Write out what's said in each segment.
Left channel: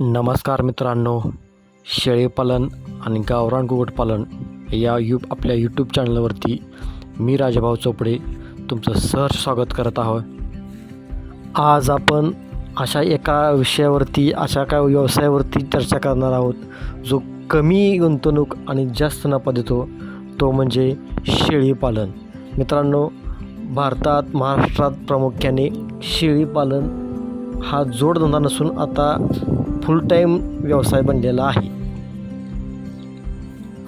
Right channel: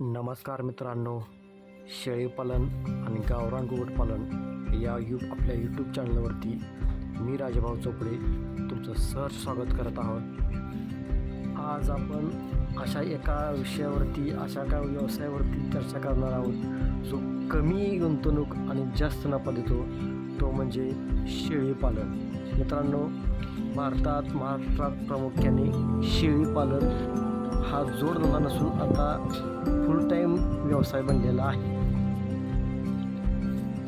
नमस्कार मित्रांनो शेळीपालन आणि गावरान कुक्कुटपालन या यू आपल्या यूट्यूब चॅनलवरती मी राजाभाऊ चोपडे तुमचं सहर्ष स्वागत करत आहोत. आज आपण अशा एका विषयावरती अशा काय व्यवसायावरती चर्चा करणार आहोत जो कमी गुंतवणूक आणि जास्त नफा देतो तो म्हणजे शेळीपालन मित्रांनो भारतात महाराष्ट्रात प्रामुख्याने शेळीपालन हा जोडधंदा नसून आता फुल टाईम व्यवसाय बनलेला आहे.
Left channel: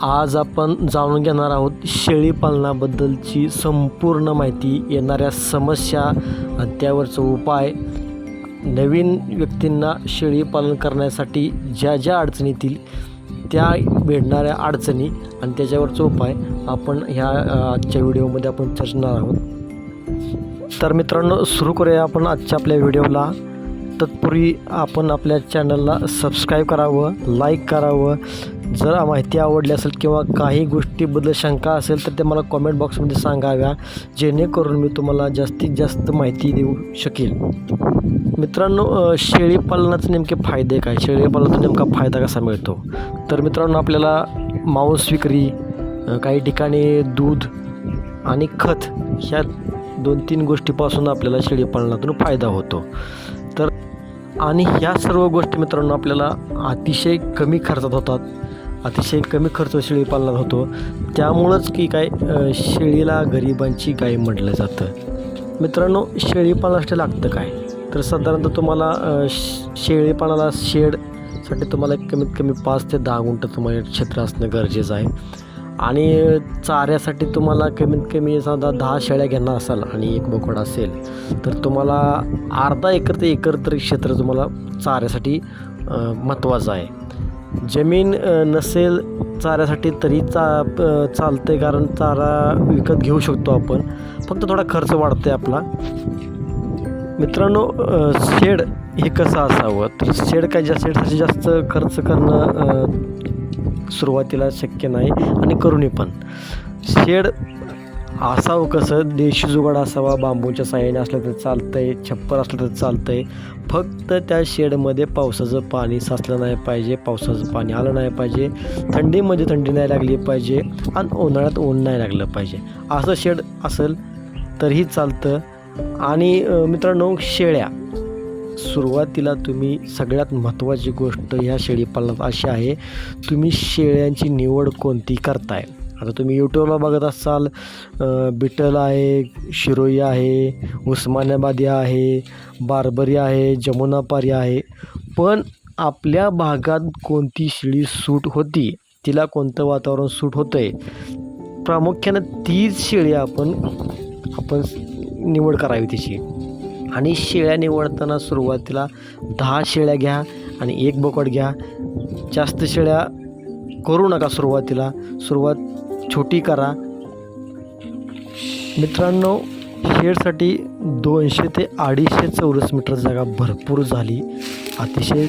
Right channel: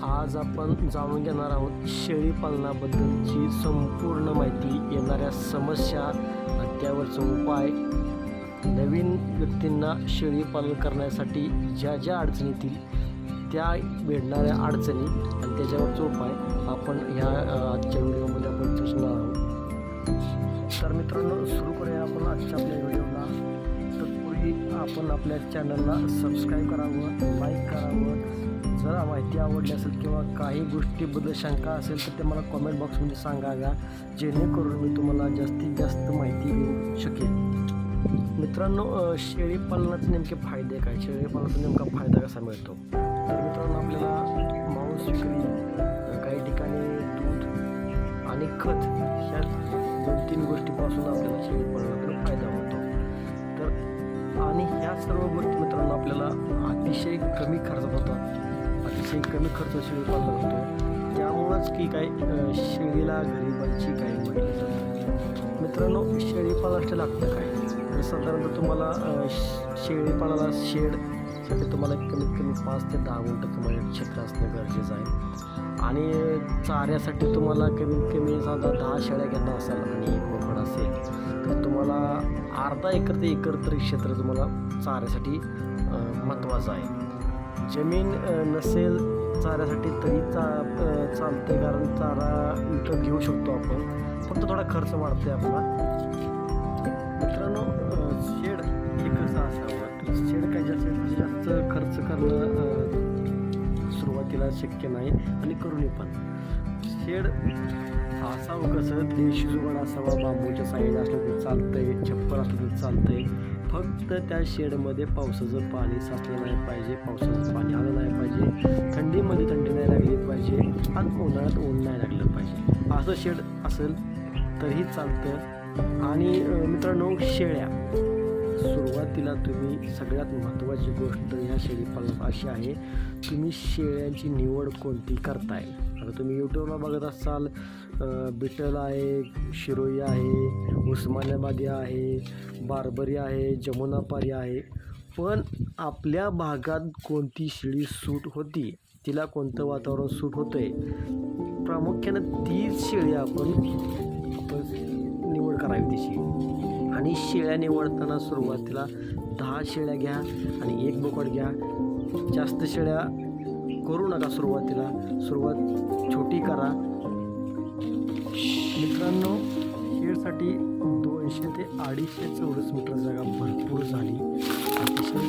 आज आपण जाणून घेणार आहोत शेळीपालनाबद्दलची संपूर्ण माहिती येणाऱ्या समस्या आणि त्यावरचा उपाय नवीन व्यक्तींना शेळीपालन करण्यासाठी ज्या ज्या अडचणी येतील त्या भेटणाऱ्या अडचणी आणि त्याच्यावरचा उपाय आपण ह्या आजच्या व्हिडिओमध्ये आपण चर्चणार आहोत. तर मित्रांनो सुरू करूया आपण आजच्या आपल्या व्हिडिओला. तत्पूर्वी आपण आपल्या चॅनलला सबस्क्राईब करावं लाईक करावं. जर माहिती आवडली असेल किंवा काही गोष्टीबद्दल शंका असेल तर ते मला कॉमेंट बॉक्समध्ये सांगाव्या. जेणेकरून मी तुम्हाला जास्तीत जास्त माहिती देऊ शकेल. मित्रांनो शेळीपालनाचे नेमके फायदे काय? शेळीपालनाचा नेमका फायदा कसा मिळतो? तर मित्रांनो आपल्याला मांस विक्री काही ठिकाणी दूध आणि खत ह्या दोन तीन गोष्टीपासून आपल्याला शेळीपालनातून फायदा होतो. तर आणि ह्या सर्व गोष्टी मित्रांनो आपल्याला अतिशय कमी खर्चात होतात. अतिशय कमी खर्च शेळीपालनात होतो. त्यामुळंच की काय शेळीला गरिबांची गाय म्हटलं जातं. मित्रांनो शेळीपालनासाठी लागतं काय? तर साधारणतः तुम्हाला अ, शेळीपालनाला शेडसाठी तुम्हाला कमीत कमी पाच ते दहा गुंठ तुम्हाला क्षेत्र असणं गरजेचं आहे. आणि चाऱ्यासाठी तुम्हाला कमीत कमी साधा दहा शेळ्या घेणार असाल आणि एक बोकड असेल तर तुम्हाला अर्धा एकर ते एकर तरी क्षेत्र तुम्हाला चाऱ्यासाठी महत्त्वाचं आहे. जमीन नसेल चाऱ्यासाठी तरी चा चालते कारण चारा विकत घेऊ शकतो आपण. फक्त थोडा खर्च वाढतो आहे आपला. मित्रांनो शेड हे कसं असावं? तर शेड काय ज्या शेडसाठी जास्त खर्च करणं सुरुवातीला शक्य नाही आणि करूनही पण. शेड असावं कसं? देशी जुगाड असावा बांबूच्या साह्याने असलं तर चालतं आहे छप्पर असलं तर चालतं आहे फक्त त्या शेडमध्ये पावसाचं पाणी साचलं नाही पाहिजे पावसाचं पाणी आलं नाही पाहिजे थंडीमध्ये म्हणजे थंडी नाही लागली पाहिजे आणि उन्हाळ्यात ऊन नाही लागलं पाहिजे. असं शेड असेल तरीही चालतं. आणि मित्रांनो शेळ्या. सुरुवातीला तुम्ही सगळ्यात महत्त्वाची गोष्ट ह्या शेळीपालनात अशी आहे तुम्ही शेळ्यांची निवड कोणती करताय? आता तुम्ही यूट्यूबला बघत असाल बिटल आहे शिरोई आहे उस्मानाबादी आहे बारबरी आहे जमुनापारी आहे. पण आपल्या भागात कोणती शेळी सूट होती? तिला कोणतं वातावरण सूट होतं आहे प्रामुख्यानं तीच शेळी आपण आपण निवड करावी तिची. आणि शेळ्या निवडताना सुरुवातीला दहा शेळ्या घ्या आणि एक बोकड घ्या. जास्त शेळ्या करू नका सुरुवातीला. सुरुवात छोटी करा. मित्रांनो शेडसाठी दोनशे ते अडीचशे चौरस मीटर जागा भरपूर झाली. अतिशय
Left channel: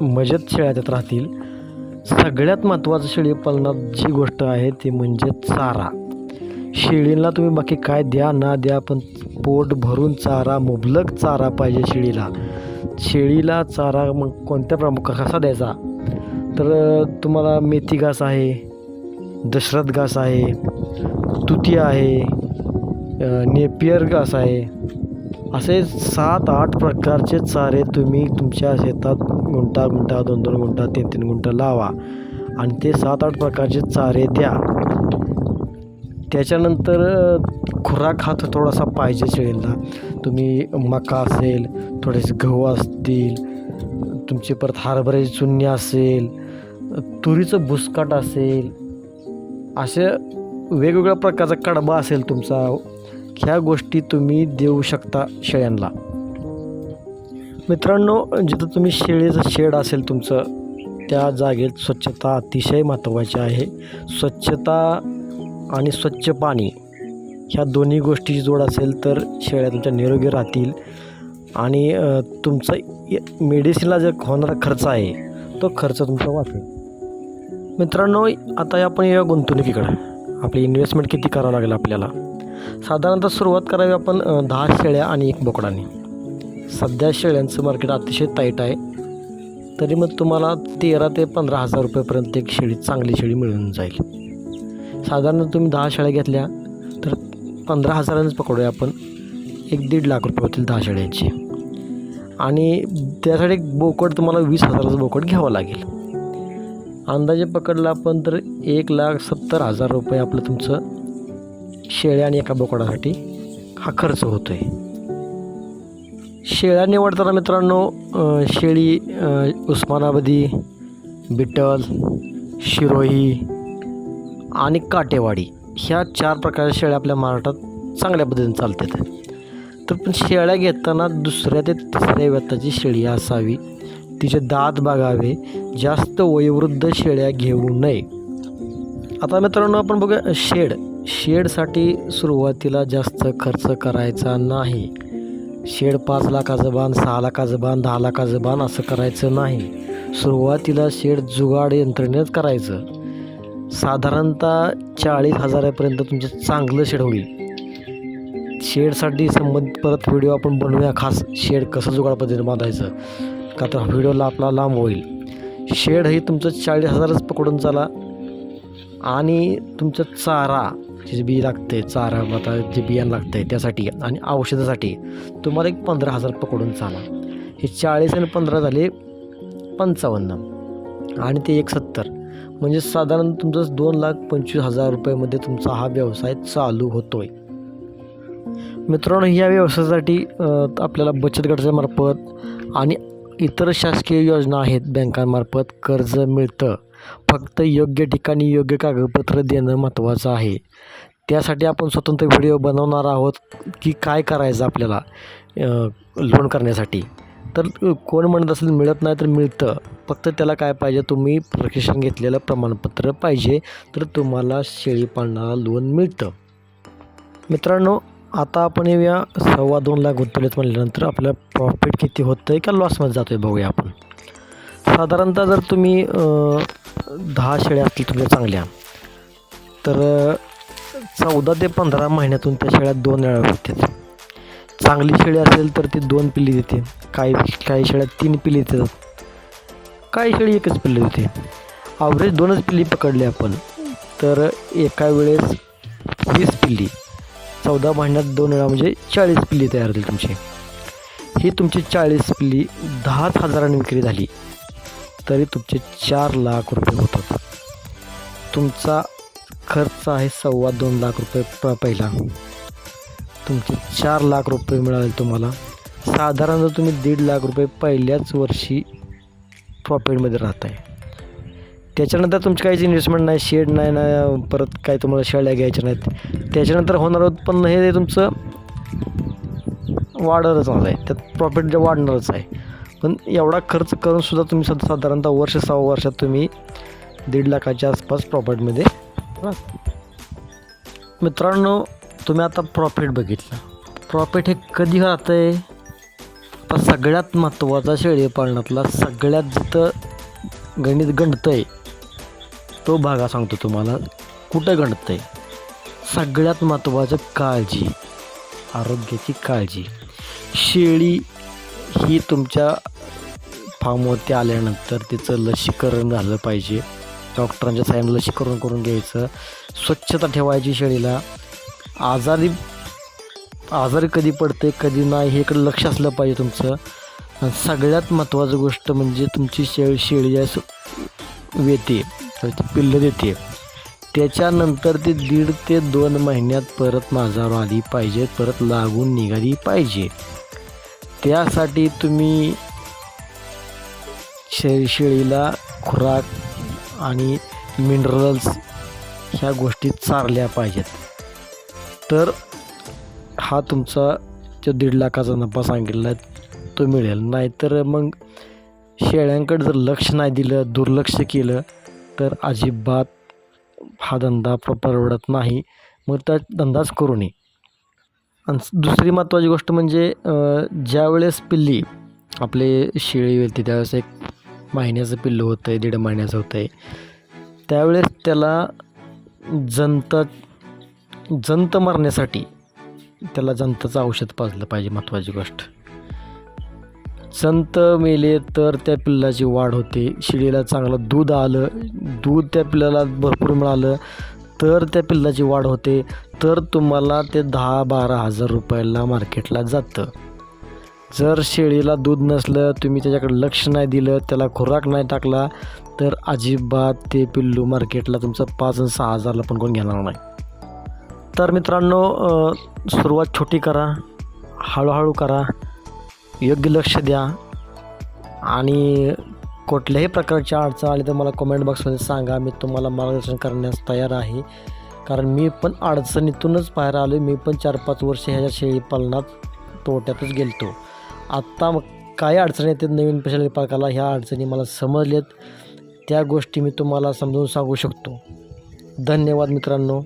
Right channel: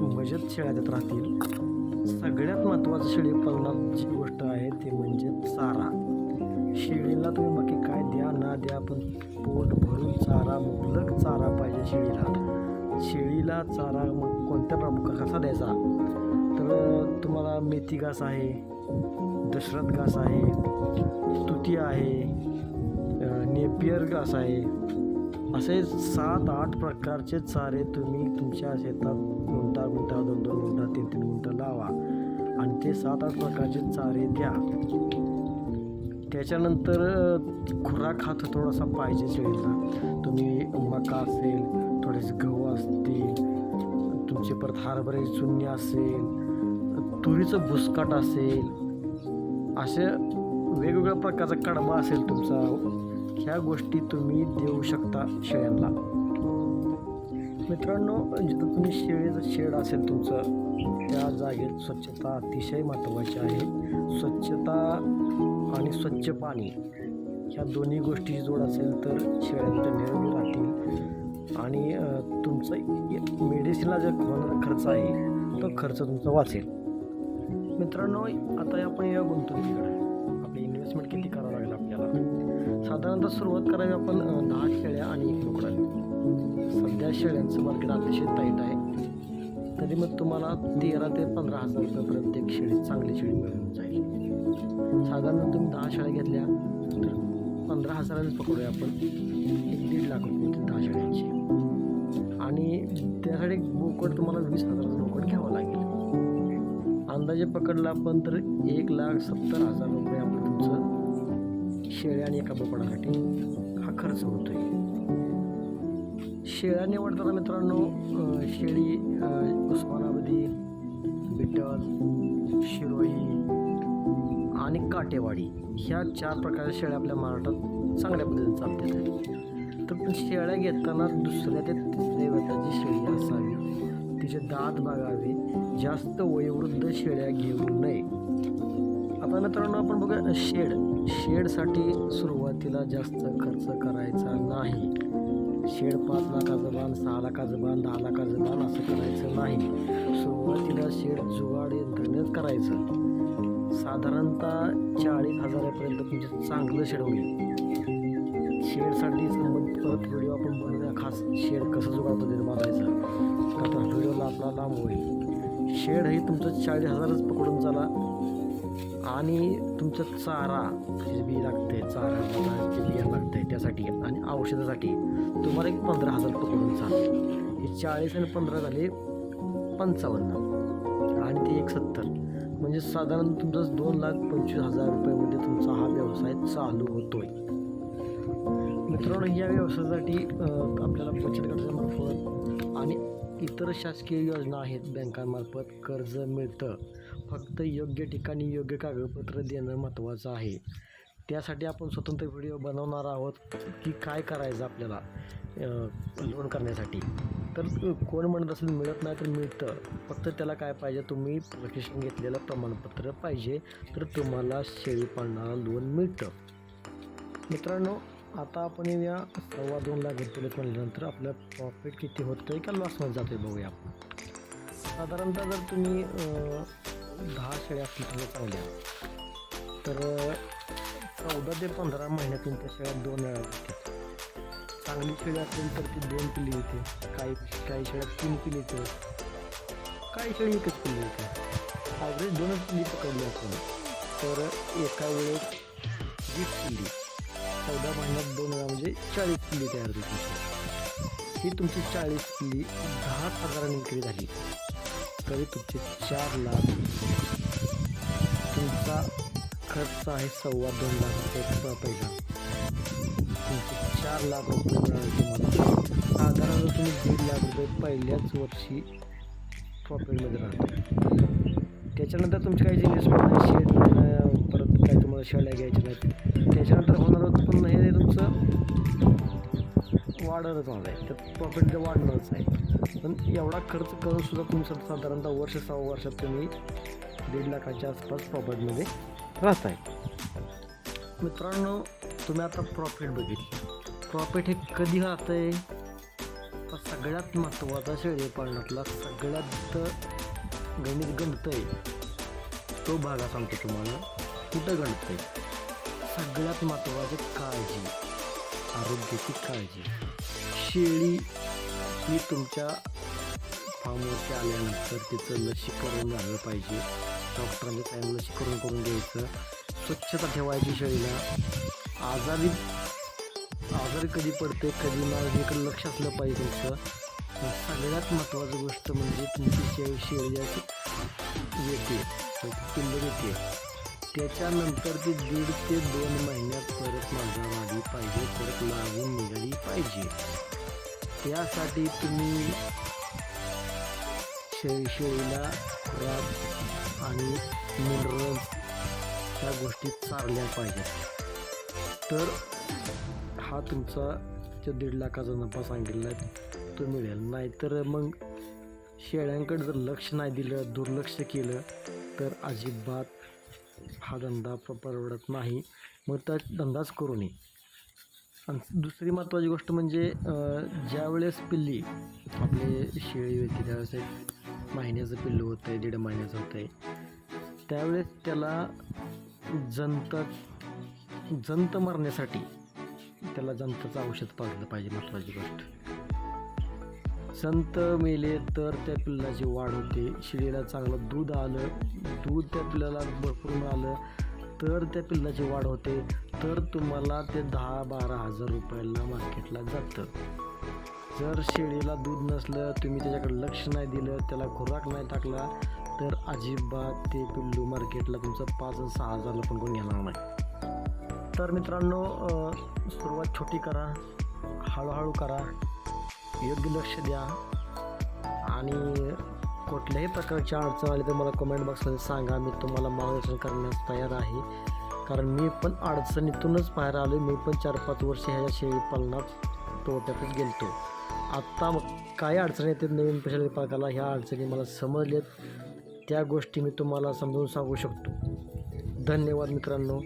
मजेत शेळ्या त्यात राहतील. सगळ्यात महत्त्वाचं शेळी पालनात जी गोष्ट आहे ती म्हणजे चारा. शेळीला तुम्ही बाकी काय द्या ना द्या पण पोट भरून चारा मुबलक चारा पाहिजे शेळीला. शेळीला चारा मग कोणत्या प्रमुख कसा द्यायचा? तर तुम्हाला मेथी घास आहे दशरथ घास आहे तुती आहे नेपियर घास आहे. असे सात आठ प्रकारचे चारे तुम्ही तुमच्या शेतात गुंटा गुंटा दोन दोन गुंटा तीन तीन गुंटा लावा. आणि ते सात आठ प्रकारचे चारे द्या. त्याच्यानंतर खुराक हा थोडासा पाहिजे शेळीला तुम्ही मका असेल थोडेसे गहू असतील तुमचे परत हरभऱ्याची चुन्नी असेल तुरीचं बुसकाट असेल असे वेगवेगळ्या प्रकारचा कडबा असेल तुमचा ह्या गोष्टी तुम्ही देऊ शकता शेळ्यांना. मित्रांनो जिथं तुम्ही शेळीचं शेड असेल तुमचं त्या जागेत स्वच्छता अतिशय महत्त्वाची आहे. स्वच्छता आणि स्वच्छ पाणी ह्या दोन्ही गोष्टीची जोड असेल तर शेळ्या तुमच्या निरोगी राहतील. आणि तुमचा य- मेडिसिनला जो होणारा खर्च आहे तो खर्च तुमचा वाचेल. मित्रांनो आता आपण या गुंतवणुकीकडं. आपली इन्व्हेस्टमेंट किती करावं लागेल आपल्याला? साधारणतः सुरुवात करावी आपण दहा शेळ्या आणि एक बोकडाने. सध्या शेळ्यांचं मार्केट अतिशय टाईट आहे. तरी मग तुम्हाला तेरा ते पंधरा हजार रुपयेपर्यंत एक शेळी चांगली शेळी मिळून जाईल. साधारण तुम्ही दहा शाळा घेतल्या तर पंधरा हजारांनीच पकडूया आपण. एक दीड लाख रुपये होतील दहा शाळ्यांचे. आणि त्यासाठी एक बोकड तुम्हाला वीस हजाराचं बोकड घ्यावं लागेल. अंदाजे पकडला आपण तर एक लाख सत्तर हजार रुपये आपलं तुमचं शेळ्या आणि एका बोकडासाठी हा खर्च होतो आहे शेळ्या निवडताना मित्रांनो शेळी उस्मानाबादी बिट्टल शिरोही आणि काटेवाडी ह्या चार प्रकारच्या शेळ्या आपल्या महाराष्ट्रात चांगल्या पद्धतीने चालतात. तर पण शेळ्या घेताना दुसऱ्या ते तिसऱ्या व्यताची शेळी असावी. तिचे दात बघावे. जास्त वयोवृद्ध शेळ्या घेऊ नये. आता मित्रांनो आपण बघूया शेड. शेडसाठी सुरुवातीला जास्त खर्च करायचा नाही. शेड पाच लाखाचं बांध सहा लाखाचं बांध दहा लाखाचं बांध असं करायचं नाही. सुरुवातीला शेड जुगाड यंत्रणेच करायचं. साधारणतः चाळीस हजारापर्यंत तुमचं चांगलं शेड होईल. शेडसाठी संबंधित परत व्हिडिओ आपण बनवूया. खास शेड कसं जुगाड पद्धतीने बांधायचं. का तर व्हिडिओला आपला लांब होईल. शेड हे तुमचं चाळीस हजारच पकडून चाला. आणि तुमचं चारा जे बी लागते चारा आता जे बियाणं लागतं आहे त्यासाठी आणि औषधासाठी तुम्हाला एक पंधरा हजार पकडून चाला. हे चाळीस आणि पंधरा झाले पंचावन्न. आणि ते एक सत्तर. म्हणजे साधारण तुमचं दोन लाख पंचवीस हजार रुपयामध्ये तुमचा हा व्यवसाय चालू होतो आहे मित्रांनो या व्यवसायासाठी आपल्याला बचत गटाच्या मार्फत आणि इतर शासकीय योजना आहेत बँकांमार्फत कर्ज मिळतं. फक्त योग्य ठिकाणी योग्य कागदपत्र देणं महत्त्वाचं आहे. त्यासाठी आपण स्वतंत्र व्हिडिओ बनवणार आहोत की काय करायचं आपल्याला लोन करण्यासाठी. तर कोण म्हणत असेल मिळत नाही तर मिळतं. फक्त त्याला काय पाहिजे तुम्ही प्रशिक्षण घेतलेलं प्रमाणपत्र पाहिजे तर तुम्हाला शेळी पालनाला लोन मिळतं. मित्रांनो आता आपण येऊया सव्वा दोन लाख गुंतवलेत म्हणल्यानंतर आपलं प्रॉफिट किती होतं आहे का लॉसमध्ये जातो आहे बघूया आपण. साधारणतः जर तुम्ही दहा शेळ्या असतील तुमच्या चांगल्या तर चौदा ते पंधरा महिन्यातून त्या शेळ्या दोन वेळा होतात चांगली शेळी असेल तर ती दोन पिल्ली देते. काही काही शेळ्या तीन पिल्ली देतात. काही शेळी एकच पिल्ली देते. ॲव्हरेज दोनच पिल्ली पकडली आपण. तर एका वेळेस वीस पिल्ली. चौदा महिन्यात दोन वेळा म्हणजे चाळीस पिल्ली तयार होतील तुमची. ही तुमची चाळीस पिल्ली दहाच हजारांनी विक्री झाली. तरी तुमचे चार लाख रुपये होतात. तुमचा खर्च आहे सव्वा दोन लाख रुपये पहिला. तुमचे चार लाख रुपये मिळाले तुम्हाला. साधारण जर तुम्ही दीड लाख रुपये पहिल्याच वर्षी प्रॉफिटमध्ये राहत आहे त्याच्यानंतर तुमची काहीच इन्व्हेस्टमेंट नाही शेड नाही ना परत काय तुम्हाला शेळ्या घ्यायच्या नाहीत. त्याच्यानंतर होणारं उत्पन्न हे तुमचं वाढतच आहे त्यात प्रॉफिट वाढणारच आहे. पण एवढा खर्च करून सुद्धा तुम्ही सद साधारणतः वर्ष सहा वर्षात तुम्ही दीड लाखाच्या आसपास प्रॉफिटमध्ये राहत आहे मित्रांनो तुम्ही आता प्रॉफिट बघितलं. प्रॉफिट हे कधी राहतं आहे तर सगळ्यात महत्त्वाचा शेळी पालनातला सगळ्यात जिथं गणित गणतं आहे तो भागा सांगतो तुम्हाला. कुठं गणतं आहे सगळ्यात महत्त्वाचं काळजी. आरोग्याची काळजी. शेळी ही तुमच्या फार्मवरती आल्यानंतर तिचं लसीकरण झालं पाहिजे. डॉक्टरांच्या साह्यानं लसीकरण करून घ्यायचं. स्वच्छता ठेवायची शेळीला. आजारी आजारी कधी पडते कधी नाही हे इकडे लक्ष असलं पाहिजे तुमचं. आणि सगळ्यात महत्त्वाचं गोष्ट म्हणजे तुमची शेळी शेळी आहे वेते तर पिल्लं देते. त्याच्यानंतर ती दीड ते दोन महिन्यात परत माझावर आली पाहिजे परत लागून निघाली पाहिजे. त्यासाठी तुम्ही शे शेळीला खुराक आणि मिनरल्स ह्या गोष्टी चारल्या पाहिजेत. तर हा तुमचा जो दीड लाखाचा नफा सांगितला आहे तो मिळेल. नाहीतर मग शेळ्यांकडे जर लक्ष नाही दिलं दुर्लक्ष केलं तर अजिबात हा धंदा परवडत नाही. मग त्या धंदाच करू नये. आणि दुसरी महत्त्वाची गोष्ट म्हणजे ज्यावेळेस पिल्ली आपले शेळी येते त्यावेळेस एक महिन्याचं पिल्लू होतं आहे दीड महिन्याचं होतं आहे त्यावेळेस त्याला जंत जंत मारण्यासाठी त्याला जंताचं औषध पाजलं पाहिजे महत्त्वाची गोष्ट. संत मेले तर त्या पिल्लाची वाढ होते. शिडीला चांगलं दूध आलं. दूध त्या पिल्लाला भरपूर मिळालं. तर त्या पिल्लाची वाढ होते. तर तुम्हाला ते दहा बारा हजार रुपयाला मार्केटला जातं. जर शेळीला दूध नसलं तुम्ही त्याच्याकडे लक्ष नाही दिलं त्याला खुराक नाही टाकला तर अजिबात ते पिल्लू मार्केटला तुमचं पाच आणि सहा हजारला पण कोण घेणार नाही. तर मित्रांनो सुरुवात छोटी करा हळूहळू करा योग्य लक्ष द्या आणि कुठल्याही प्रकारची अडचण आली तर मला कमेंट बॉक्समध्ये सांगा. मी तुम्हाला मार्गदर्शन करण्यास तयार आहे. कारण मी पण अडचणीतूनच बाहेर आलो मी पण चार पाच वर्ष ह्याच्या शेळी पालनात तोट्यातच गेलतो. आत्ता काय अडचणी येतात नवीन शेळी पालकाला ह्या अडचणी मला समजल्यात. त्या गोष्टी मी तुम्हाला समजून सांगू शकतो. धन्यवाद मित्रांनो.